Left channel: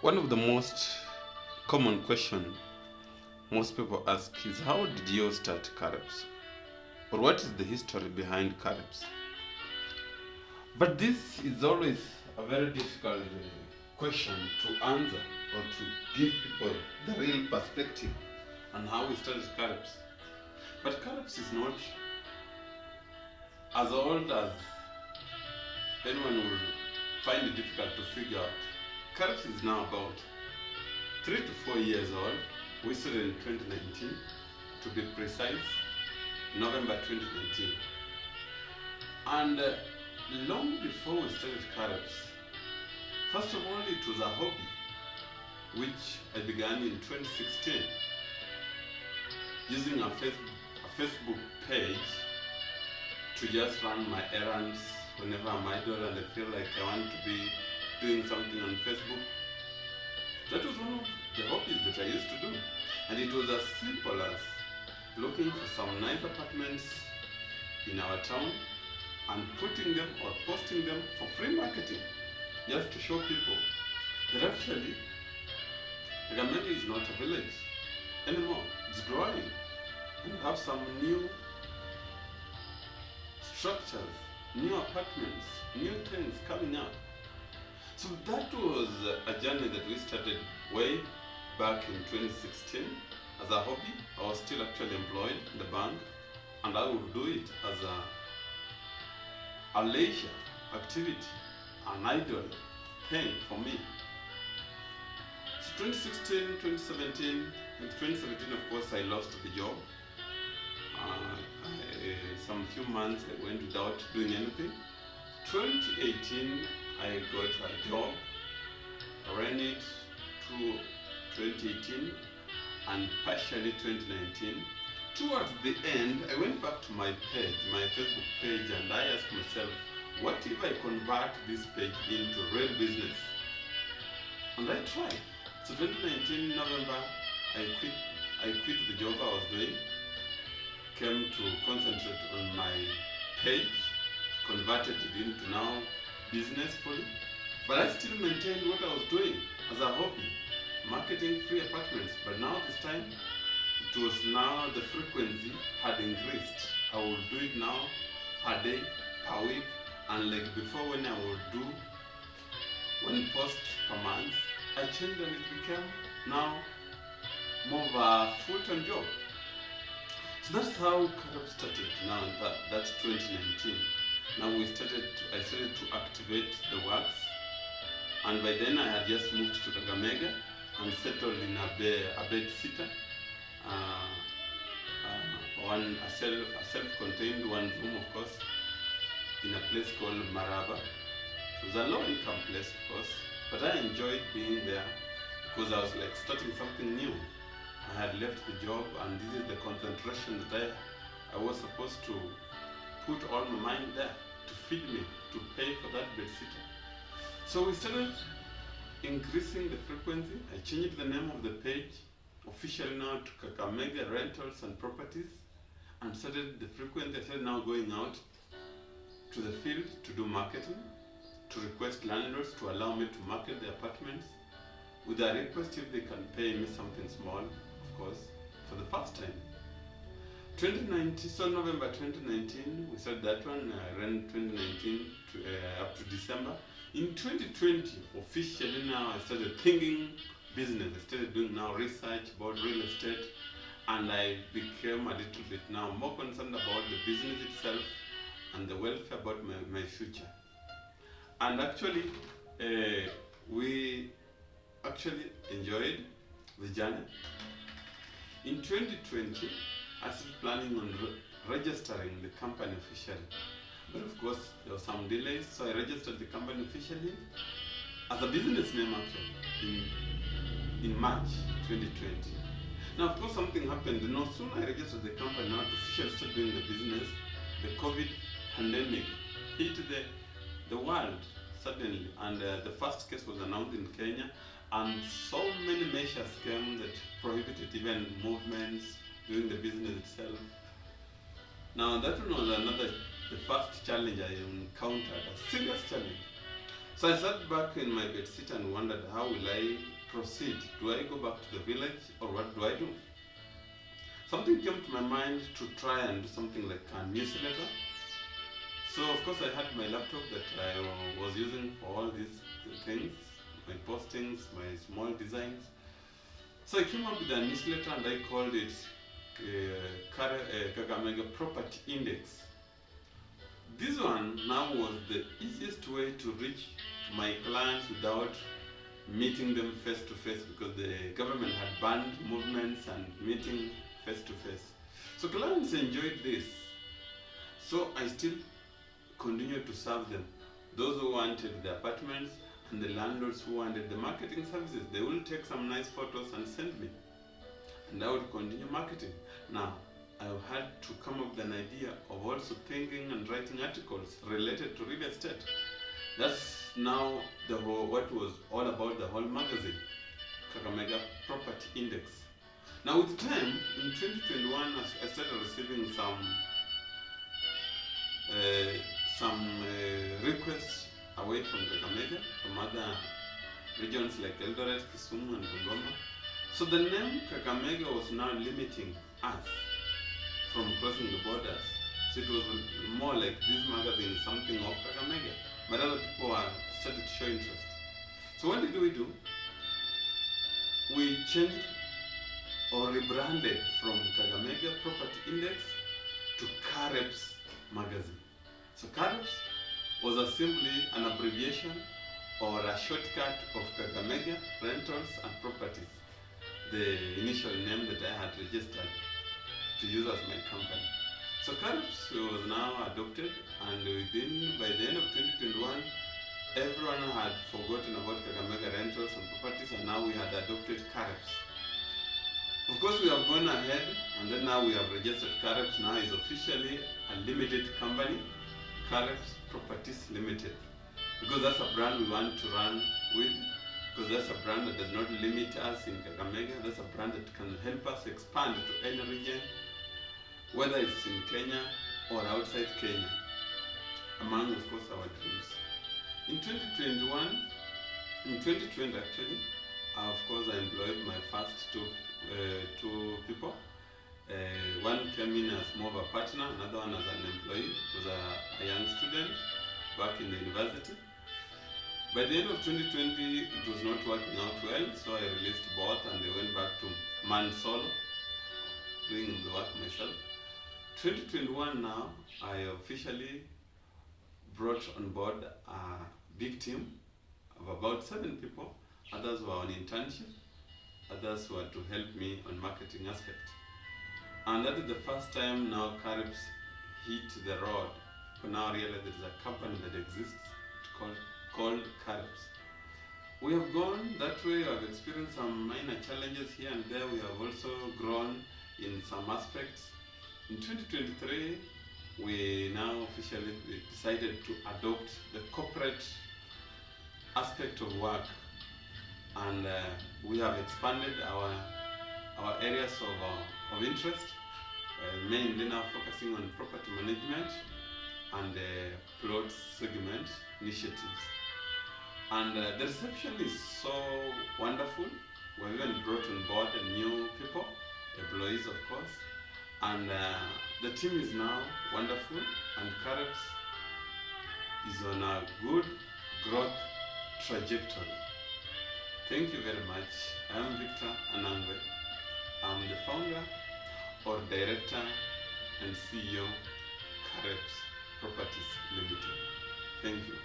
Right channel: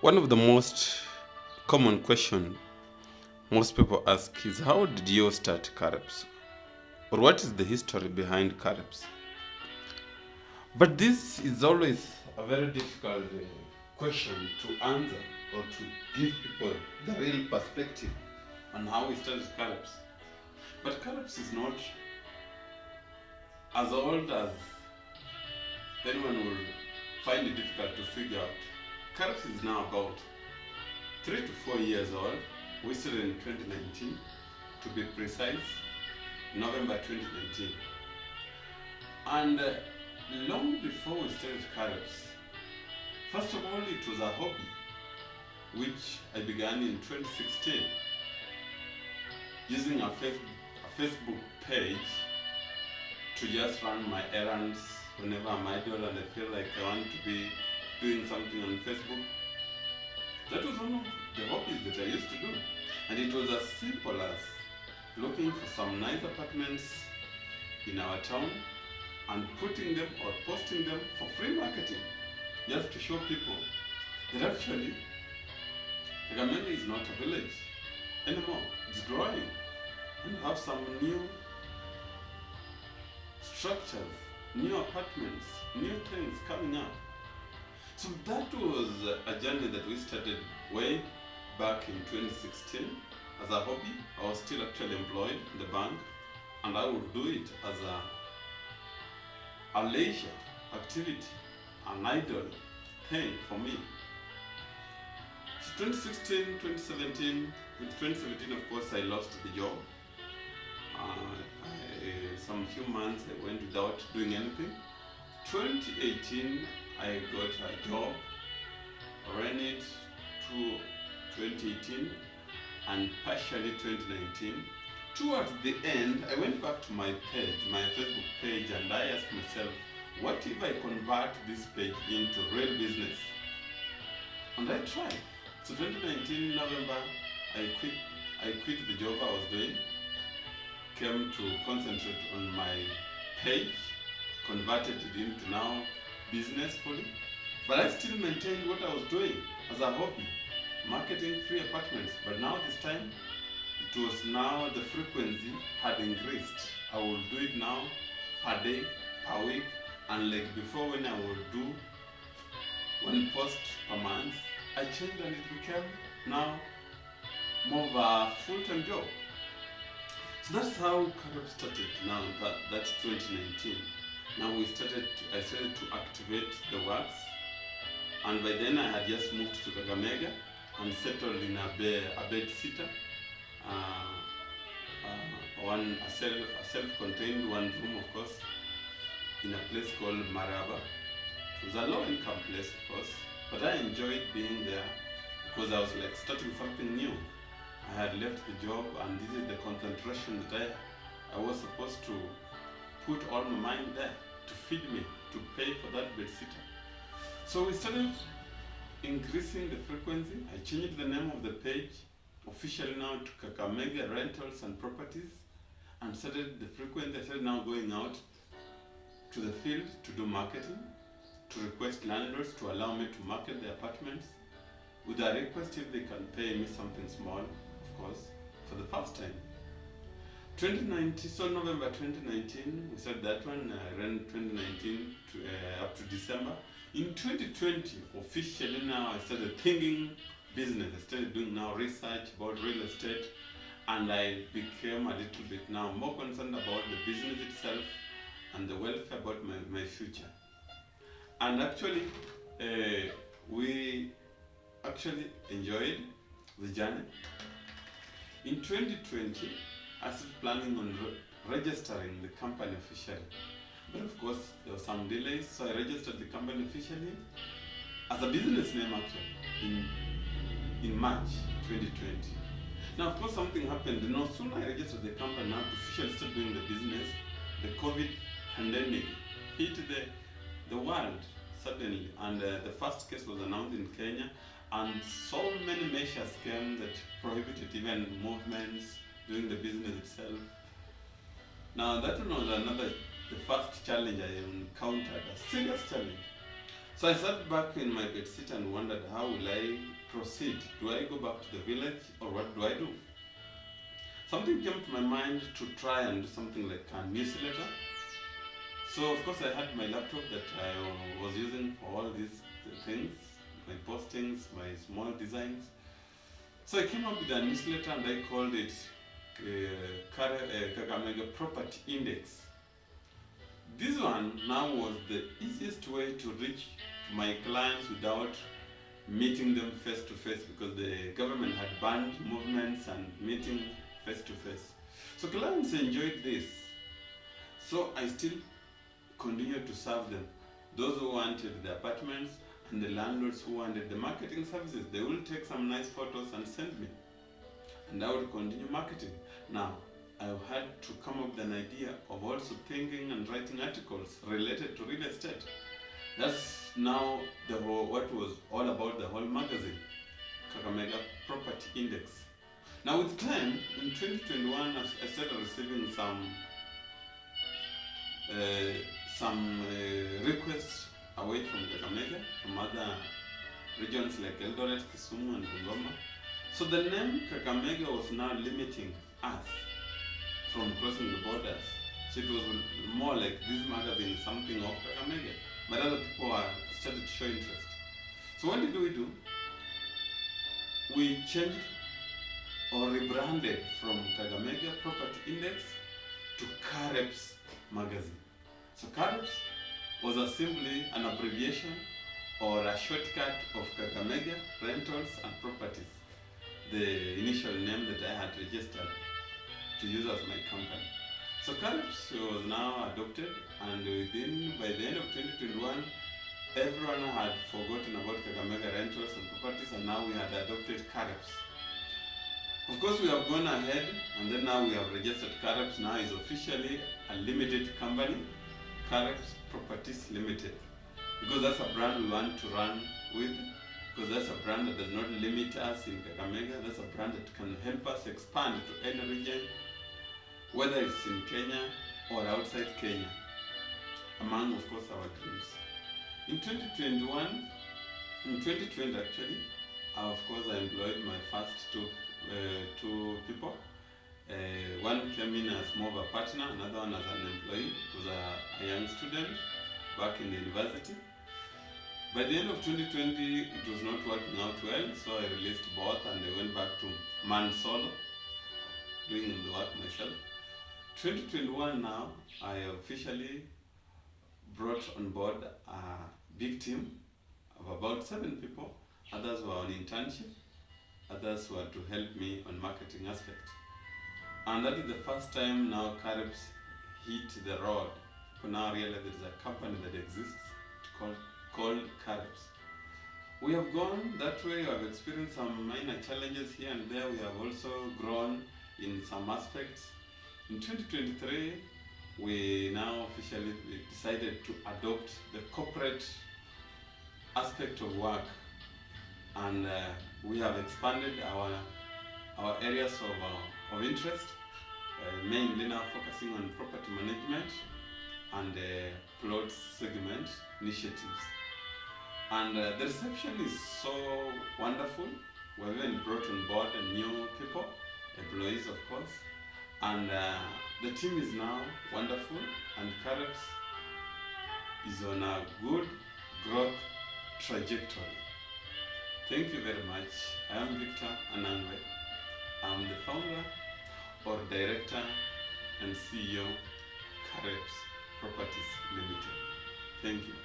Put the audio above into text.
One of the most common question most people ask is how did you start Kareps? Or what is the history behind Kareps? But this is always a very difficult question to answer or to give people the real perspective on how we started Kareps. But Kareps is not as old as anyone will find it difficult to figure out. Kareps is now about 3 to 4 years old. We started in 2019, to be precise, November 2019. And long before we started Kareps, first of all, it was a hobby, which I began in 2016, using a Facebook page to just run my errands whenever I'm idle and I feel like I want to be doing something on Facebook. That was one of the hobbies that I used to do. And it was as simple as looking for some nice apartments in our town and putting them or posting them for free marketing, just to show people that actually Kakamega is not a village anymore. It's growing and have some new structures, new apartments, new things coming up. So that was a journey that we started way back in 2016 as a hobby. I was still actually employed in the bank, and I would do it as a leisure activity, an idle thing for me. So 2016, 2017, in 2017 of course I lost the job. Some few months I went without doing anything. 2018 I got a job, ran it through 2018 and partially 2019. Towards the end, I went back to my page, my Facebook page, and I asked myself, what if I convert this page into real business? And I tried. So 2019 November, I quit the job I was doing, came to concentrate on my page, converted it into now business fully, but I still maintained what I was doing as a hobby, marketing free apartments. But now this time, it was now the frequency had increased. I will do it now per day, per week, and like before when I would do one post per month, I changed and it became now more of a full-time job. So that's how Kareps started now, that's 2019. Now I started to activate the works, and by then I had just moved to Kakamega and settled in a bed sitter, a self-contained one room, of course, in a place called Maraba. It was a low-income place, of course, but I enjoyed being there because I was like starting something new. I had left the job, and this is the concentration that I was supposed to put all my mind there, to feed me, to pay for that bed sitter. So we started increasing the frequency. I changed the name of the page officially now to Kakamega Rentals and Properties, and started the frequency. I started now going out to the field to do marketing, to request landlords to allow me to market the apartments with a request if they can pay me something small, of course, for the first time. 2019, so November 2019, we started that one. I ran 2019 up to December. In 2020, officially now, I started thinking business. I started doing now research about real estate, and I became a little bit now more concerned about the business itself and the welfare about my future. And actually, we actually enjoyed the journey. In 2020, I started planning on registering the company officially. But of course, there were some delays, so I registered the company officially as a business name actually in March 2020. Now, of course, something happened. No sooner I registered the company now to officially start doing the business, the COVID pandemic hit the world suddenly, and the first case was announced in Kenya, and so many measures came that prohibited even movements, doing the business itself. Now that one was the first challenge I encountered, a serious challenge. So I sat back in my bed seat and wondered, how will I proceed? Do I go back to the village, or what do I do? Something came to my mind to try and do something like a newsletter. So of course I had my laptop that I was using for all these things, my postings, my small designs. So I came up with a newsletter and I called it Kakamega Property Index. This one now was the easiest way to reach my clients without meeting them face to face, because the government had banned movements and meeting face to face. So clients enjoyed this. So I still continued to serve them. Those who wanted the apartments and the landlords who wanted the marketing services, they will take some nice photos and send me. And I would continue marketing. Now, I had to come up with an idea of also thinking and writing articles related to real estate. That's now what was all about the whole magazine, Kakamega Property Index. Now with time, in 2021, I started receiving some requests away from Kakamega, from other regions like Eldoret, Kisumu and Bungoma. So the name Kakamega was now limiting us from crossing the borders. So it was more like this magazine is something of Kakamega, but other people started to show interest. So what did we do? We changed or rebranded from Kakamega Property Index to Kareps magazine. So Kareps was simply an abbreviation or a shortcut of Kakamega Rentals and Properties, the initial name that I had registered to use as my company. So Kareps was now adopted, and by the end of 2021, everyone had forgotten about Kakamega Rentals and Properties, and now we had adopted Kareps. Of course, we have gone ahead, and then now we have registered Kareps. Now is officially a limited company, Kareps Properties Limited, because that's a brand we want to run with, because that's a brand that does not limit us in Kakamega. That's a brand that can help us expand to any region, whether it's in Kenya or outside Kenya, among, of course, our dreams. In 2020 actually, of course, I employed my first two people. One came in as more of a partner, another one as an employee. It was a young student back in the university. By the end of 2020, it was not working out well, so I released both and they went back to man solo, doing the work myself. 2021 now, I officially brought on board a big team of about 7 people. Others were on internship, others were to help me on marketing aspect. And that is the first time now Kareps hit the road. People now realize there is a company that exists called Kareps. We have gone that way. We have experienced some minor challenges here and there. We have also grown in some aspects. In 2023, we now officially decided to adopt the corporate aspect of work, and we have expanded our areas of interest, mainly now focusing on property management and plot segment initiatives. And the reception is so wonderful. We've even brought on board new people, employees of course, and the team is now wonderful, and Kareps is on a good growth trajectory. Thank you very much. I am Victor Anangwe. I'm the founder or director and CEO Kareps Properties Limited. Thank you.